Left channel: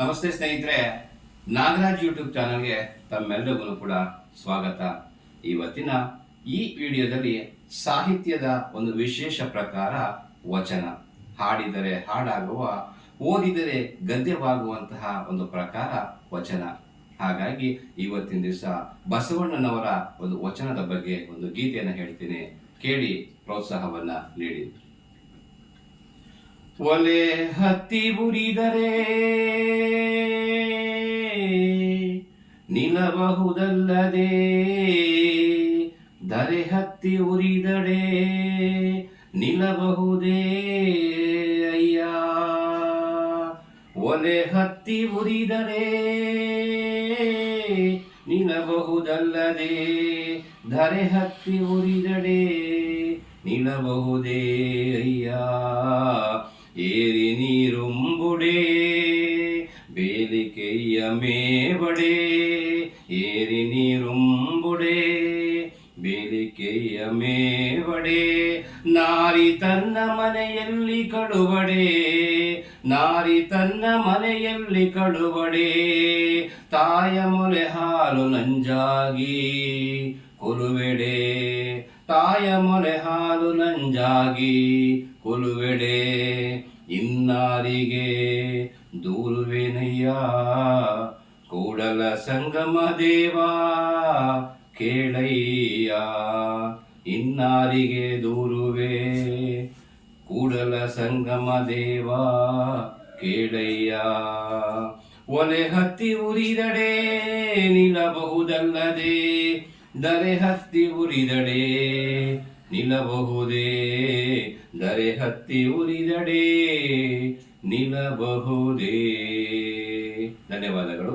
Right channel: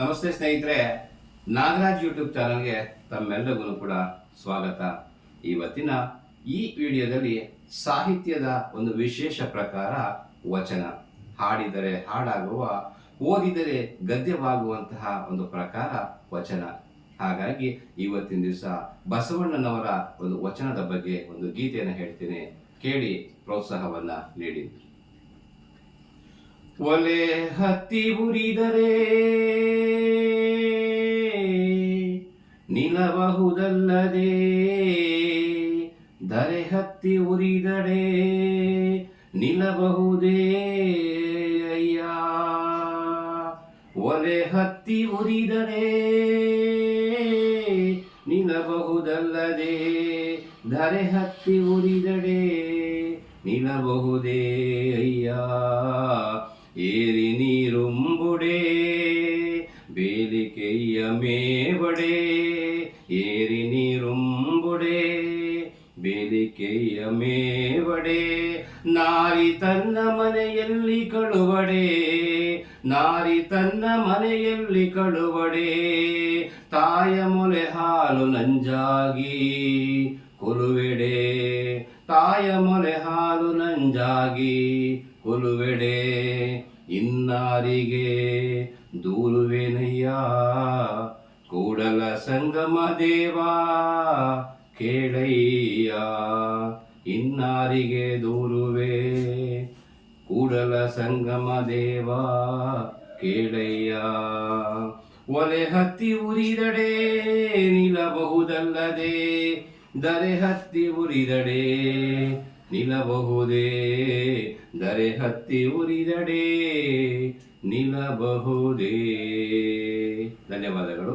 ನಮಸ್ತೆ ಸ್ನೇಹಿತರೆ, ನಾಗರಾಜ್ ಯೂಟ್ಯೂಬ್ ಚಾನಲ್ಗೆ ತಮ್ಮೆಲ್ಲರಿಗೂ ಕೂಡ ಸ್ವಾಗತ. ಇವತ್ತಿನ ಈ ವಿಡಿಯೋದಲ್ಲಿ ಸಾಹಿತ್ಯದ ಒಂದು ವಿಶೇಷ ಪ್ರಕಾರ ವಚನ. ಹಾಡಿದರೆ ಹಾಡಾಗುವ, ಓದಿದರೆ ಗದ್ಯವಾಗುವಂತಹ ಒಂದು ಪ್ರಕಾರ ವಚನ. ಹಾಗಾಗಿ ಇವತ್ತಿನ ದಿವಸ ಬಸವಣ್ಣನವರ ಒಂದು ವಚನದ ಬಗ್ಗೆ ಒಂದು ಗೀತೆಯನ್ನು ಹೇಳ್ತೀನಿ, ಕೇಳಿ ಪ್ರೋತ್ಸಾಹವನ್ನ ನೀಡಿ. ಒಲೆ ಹತ್ತಿ ಉರಿದರೆ ನಿಲ್ಲಬಹುದಲ್ಲದೆ, ಧರೆ ಹತ್ತಿ ಉರಿದಡೆ ನಿಲ್ಲಬಹುದೇ ಅಯ್ಯ. ಒಲೆ ಹತ್ತಿ ಉರಿದಡೆ ನಿಲ್ಲಬಹುದಲ್ಲದೆ, ಧರೆ ಹತ್ತಿ ಉರಿದಡೆ ನಿಲ್ಲಬಹುದೇ ಅಯ್ಯ. ಏರಿ ನೀರುಂಬುಡೆ ಬೇಲಿಕೆಯ ಮೇಬಡೆ, ಏರಿ ನೀರುಂಬುಡೆ ಬೇಲಿಕೆಯ ಮೇಬಡೆ. ನಾರಿ ತನ್ನ ಮನೆಯಲ್ಲಿ ಕಡುಬಡೆ, ನಾರಿ ತನ್ನ ಮನೆಯಲ್ಲಿ ಕಡುಬಡೆ. ತಾಯ ಮೊಲೆ ಹಾಲು ನಂಜಾಗಿ ಕೊಲುವೆಡೆ, ತಾಯ ಮೊಲೆ ಹಾಲು ನಂಜಾಗಿ ಕೊಲುವೆಡೆ. ಇನ್ನಾರಿಗೆ ದೂರುವೆನಯ್ಯ ಕೂಡಲ ಸಂಗಮ ದೇವಾ ಕೇಳಯ್ಯ. ಇನ್ನಾರಿಗೆ ದೂರುವೆ ಕೂಡಲ ಸಂಗಮ ದೇವಾ ಕೇಳಯ್ಯ. ಒಲೆ ಹತ್ತಿ ಉರಿದಡೆ ನಿಲ್ಲಬಹುದಲ್ಲದೆ, ಧರೆ ಹತ್ತಿ ಉರಿದಡೆ ನಿಲ್ಲಬಹುದೇ, ಧರೆ ಹತ್ತಿ ಉರಿದಡೆ ನಿಲ್ಲಬಹುದೇ. ಧನ್ಯವಾದಗಳು.